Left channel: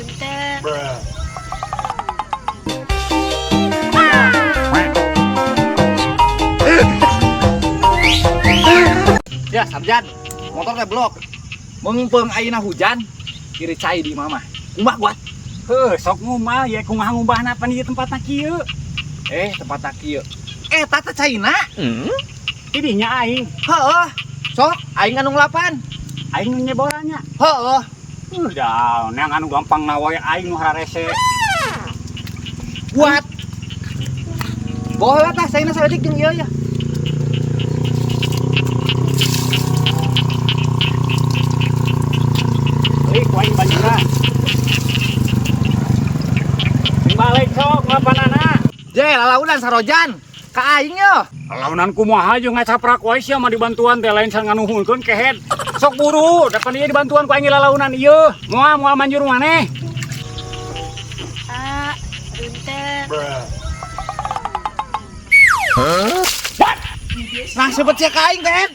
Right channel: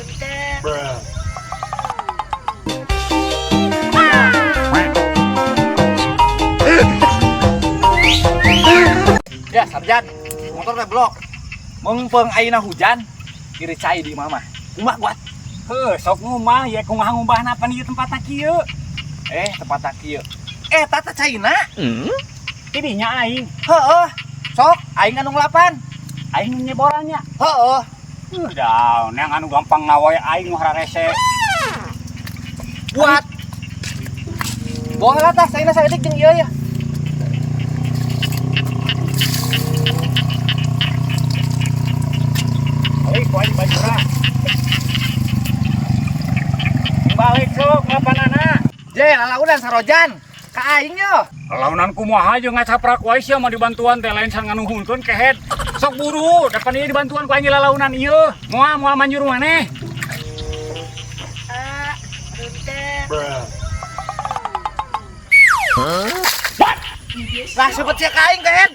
Ya, Sarjan, motornya blok. Mumpung ayeuna hujan, kiri cai di mama. Kumaha buat? Sok ngumah ya kumaha ngubahna apa nih tempatna kieu. Tempatna kieu. Tata caina. Tidinya aing. Heeh. Sok, aing anu ngelapan. Aing nyeborannya. Heeh. Daun yang anu gampang nawae aing mah rarese. Buat. Bohong tah saina saeutik jeung ieu ya. Ku aing bajuna. Balik sok lapanganna. Lalaunan sarojan. Ka aing yo. Launan kumaha jeung ngacaprak wae sia mah dibantuan teh lain sang nganuhunkeun kehead. Sok buru, depan ieu dibantuan ku aing lalaunan ieu. Moal manjur maneh. Langsung pecah ka aing kehead.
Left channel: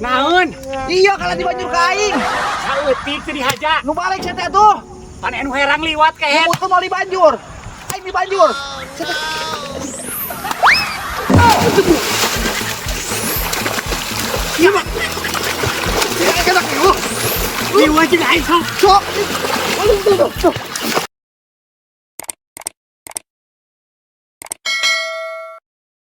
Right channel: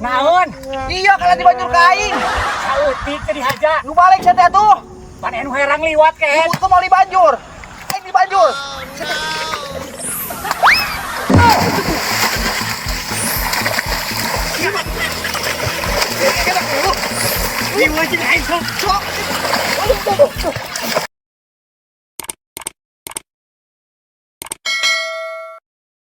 Naon? Iya kalau dibanjur ka aing. Saeutik teh dihaja. Nu balik cenah tuh. Pan anu herang liwat kehead. Itu mau dibanjur. Aing dibanjur. Liwat jeung aing sok. Sok.